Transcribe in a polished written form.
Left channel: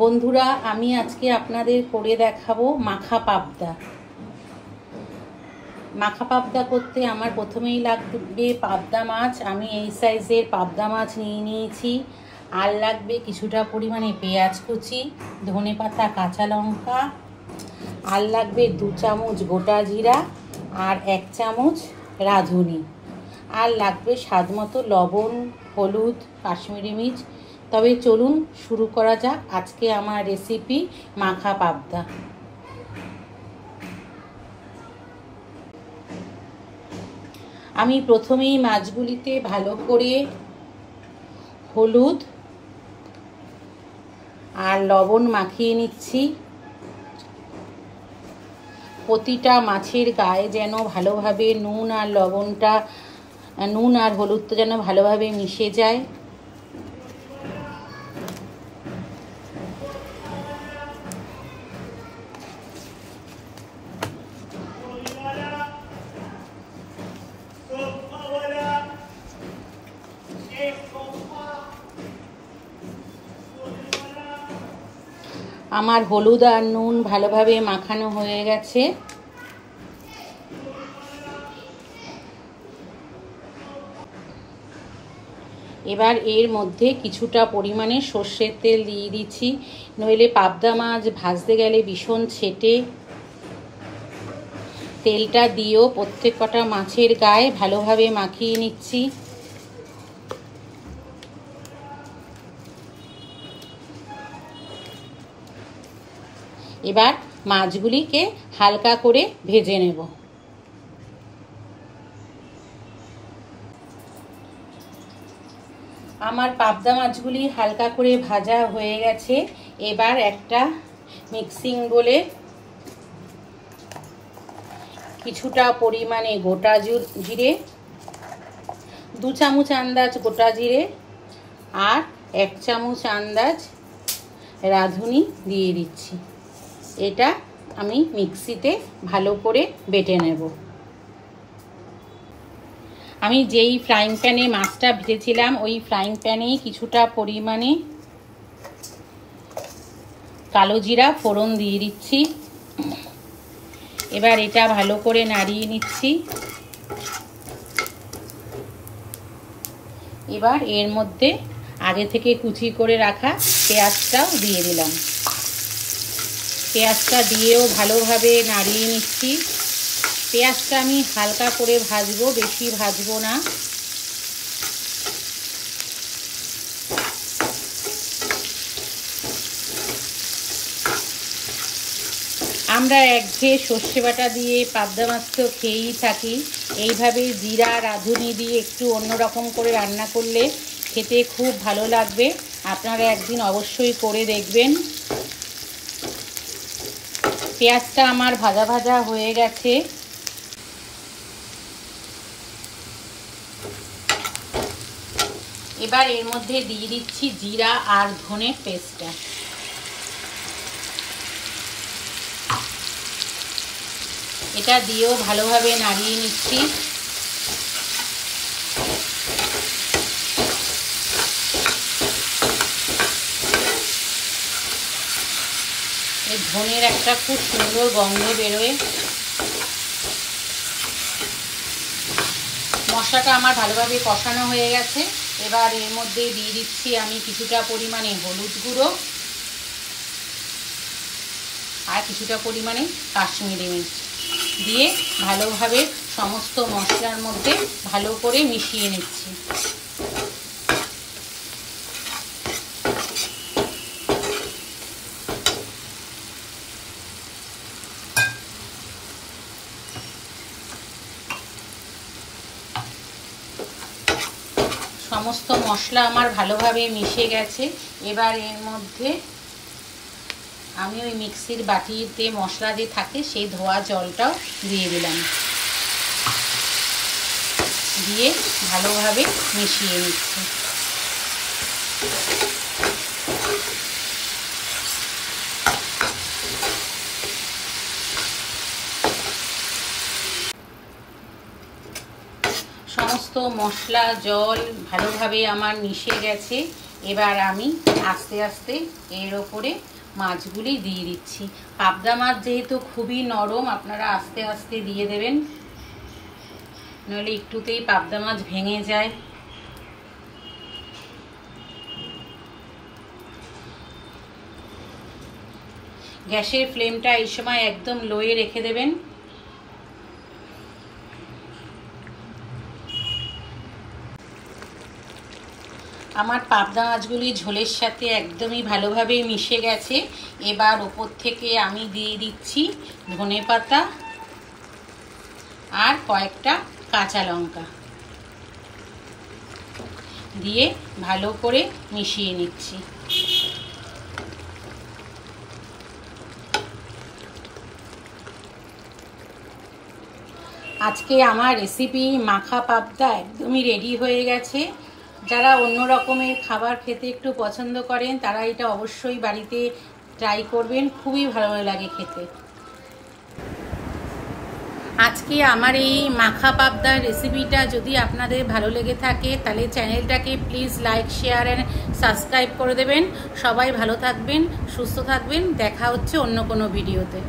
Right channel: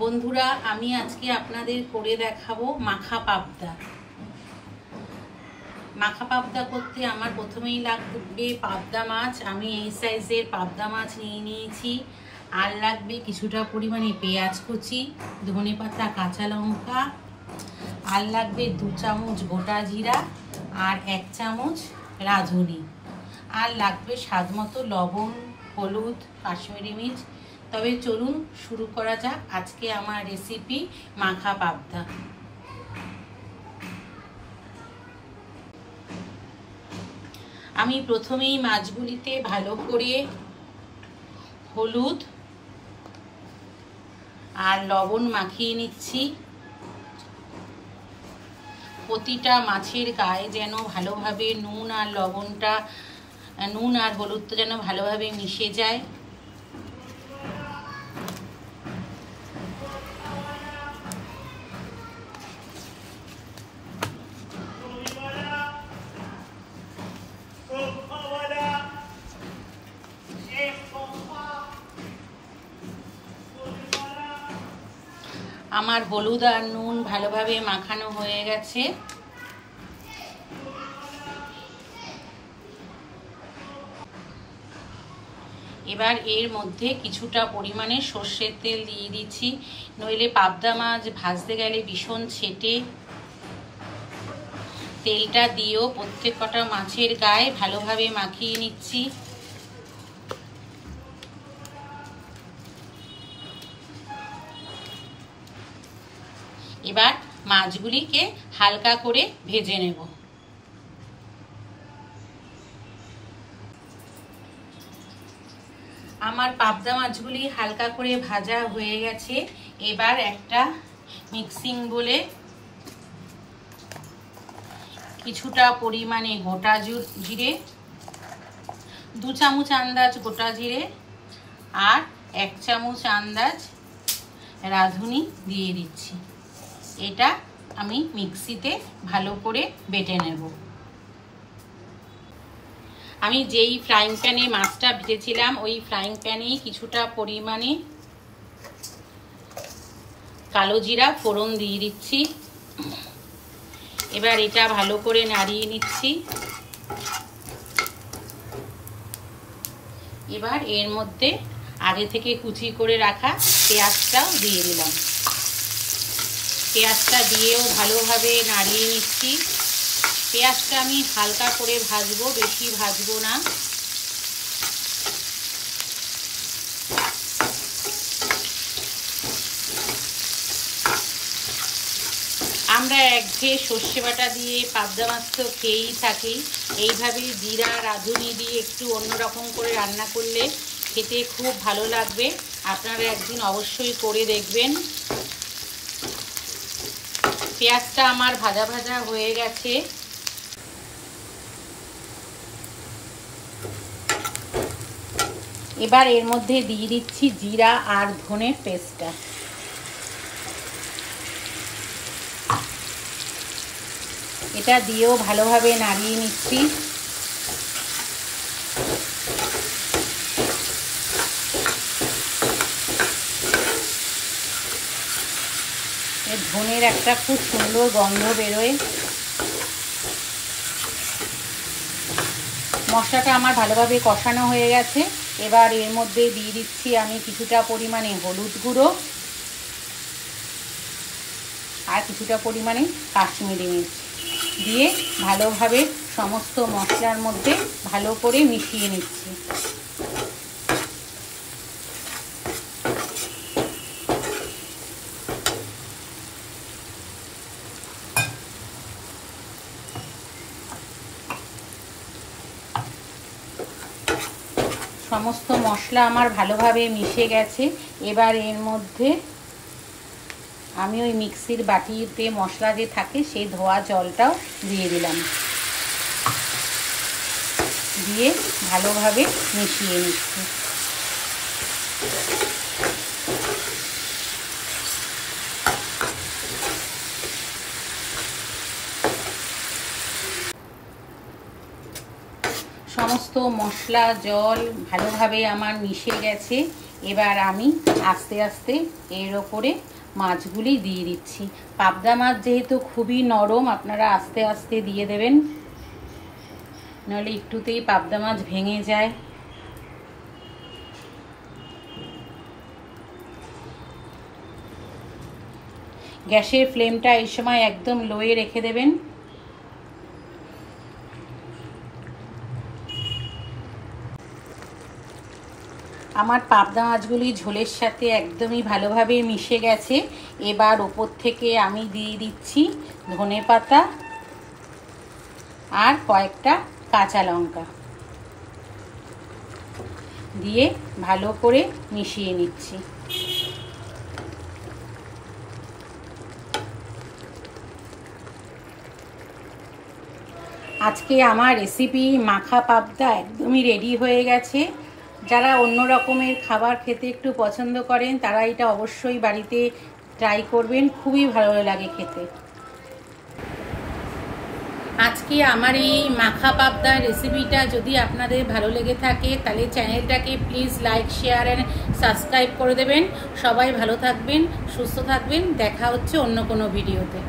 বন্ধুরা, আমি আজকে আপনাদের করে দেখাবো মাখা পাবদা। মাখা পাবদা করতে আমার প্রথমেই লাগবে পাবদা মাছ। আমি এই সাইজের পাবদা মাছ নিয়ে নিয়েছি। আর লাগবে কিছুটা পরিমাণে পেঁয়াজ কুচি, ধনেপাতা, কাঁচা লঙ্কা। আর লাগবে 2 চামচ গোটা জিরা আর 1 চামচ রাঁধুনি। আর লাগবে স্বাদ মতো লবণ, হলুদ, কাশ্মীরি মির্চ। তবে চলুন শুরু করা যাক আজকে আমার রেসিপি মাখা পাবদা। আমি প্রথমেই মাছগুলিতে ভালো করে হলুদ আর লবণ মাখিয়ে নিচ্ছি। প্রতিটা মাছের গায়ে যেন ভালোভাবে নুন আর হলুদটা যেন ভালোভাবে মিশে যায়। আমার হলুদ আর নুন ভালোভাবে মাখানো হয়ে গেছে। এবার এর মধ্যে কিছুটা পরিমাণে সর্ষের তেল দিয়ে দিচ্ছি, নইলে পাবদা মাছ ভাজতে গেলে ভীষণ ছেটে। তেলটা দিয়েও প্রত্যেক কটা মাছের গায়ে ভালোভাবে মাখিয়ে নিচ্ছি। এবার মাছগুলিকে হালকা করে ভেজে নেব। আমার পাবদা মাছগুলি হালকা করে ভাজা হয়ে গেছে। এবার একটা মিক্সিং বলে কিছুটা পরিমাণে গোটা জিরে, 2 চামচ আন্দাজ গোটা জিরে আর 1 চামচ আন্দাজ রাঁধুনি দিয়ে দিচ্ছি। এটা আমি মিক্সিতে ভালো করে বেটে নেব। আমি যেই ফ্রাইং প্যানে মাছটা ভেজেছিলাম ওই ফ্রাইং প্যানেই কিছুটা পরিমাণে কালো জিরা ফোড়ন দিয়ে দিচ্ছি। এবার এটা ভালো করে নাড়িয়ে নিচ্ছি। এবার এর মধ্যে আগে থেকে কুচি করে রাখা পেঁয়াজটাও দিয়ে দিলাম। পেঁয়াজটা দিয়েও ভালোভাবে নাড়িয়ে নিচ্ছি। পেঁয়াজটা আমি হালকা করে ভাজবো, বেশি ভাজবো না। আমরা একঘেয়ে সর্ষে বাটা দিয়ে পাবদা মাছ তো খেয়েই থাকি। এইভাবে জিরা রাঁধুনি দিয়ে একটু অন্যরকম করে রান্না করলে খেতে খুব ভালো লাগবে। আপনারা একদিন অবশ্যই করে দেখবেন। পেঁয়াজটা আমার ভাজা ভাজা হয়ে গেছে। এবার এর মধ্যে দিয়ে দিচ্ছি জিরা আর ধনে পেস্টটা। এটা দিয়েও ভালোভাবে নাড়িয়ে নিচ্ছি। এর ধনের একটা খুব সুন্দর গন্ধ বেরোয়। মশলাটা আমার ভালোভাবে কষানো হয়ে গেছে। এবার এর মধ্যে দিয়ে দিচ্ছি আমি কিছুটা পরিমাণে হলুদ গুঁড়ো আর কিছুটা পরিমাণে কাশ্মীরি মির্চ দিয়ে ভালোভাবে সমস্ত মশলার মধ্যে ভালো করে মিশিয়ে নিচ্ছি। সমস্ত মশলা আমার ভালোভাবে মিশে গেছে। এবার এর মধ্যে আমি ওই মিক্সির বাটিতে মশলা যে থাকে সেই ধোয়া জলটাও দিয়ে দিলাম। দিয়ে ভালোভাবে মিশিয়ে নিচ্ছি। সমস্ত মশলা জল ভালোভাবে আমার মিশে গেছে। এবার আমি আস্তে আস্তে এর ওপরে মাছগুলি দিয়ে দিচ্ছি। পাবদা মাছ যেহেতু খুবই নরম, আপনারা আস্তে আস্তে দিয়ে দেবেন, নইলে একটুতেই পাবদা মাছ ভেঙে যায়। গ্যাসের ফ্লেমটা এই সময় একদম লোয়ে রেখে দেবেন। আমার পাবদা মাছগুলি ঝোলের সাথে একদমই ভালোভাবে মিশে গেছে। এবার ওপর থেকে আমি দিয়ে দিচ্ছি ধনেপাতা আর কয়েকটা কাঁচা লঙ্কা দিয়ে ভালো করে মিশিয়ে নিচ্ছি। আজকে আমার রেসিপি মাখা পাবদা একদমই রেডি হয়ে গেছে। যারা অন্য রকমের খাবার খেতে একটু পছন্দ করেন তারা এটা অবশ্যই বাড়িতে ট্রাই করবেন, খুবই ভালো লাগে খেতে। আজকে আমার এই মাখা পাবদার রেসিপিটা যদি আপনাদের ভালো লেগে থাকে তাহলে চ্যানেলটাকে please like, share and subscribe করে দেবেন। সবাই ভালো থাকবেন, সুস্থ থাকবেন। দেখা হচ্ছে অন্য কোনো ভিডিওতে।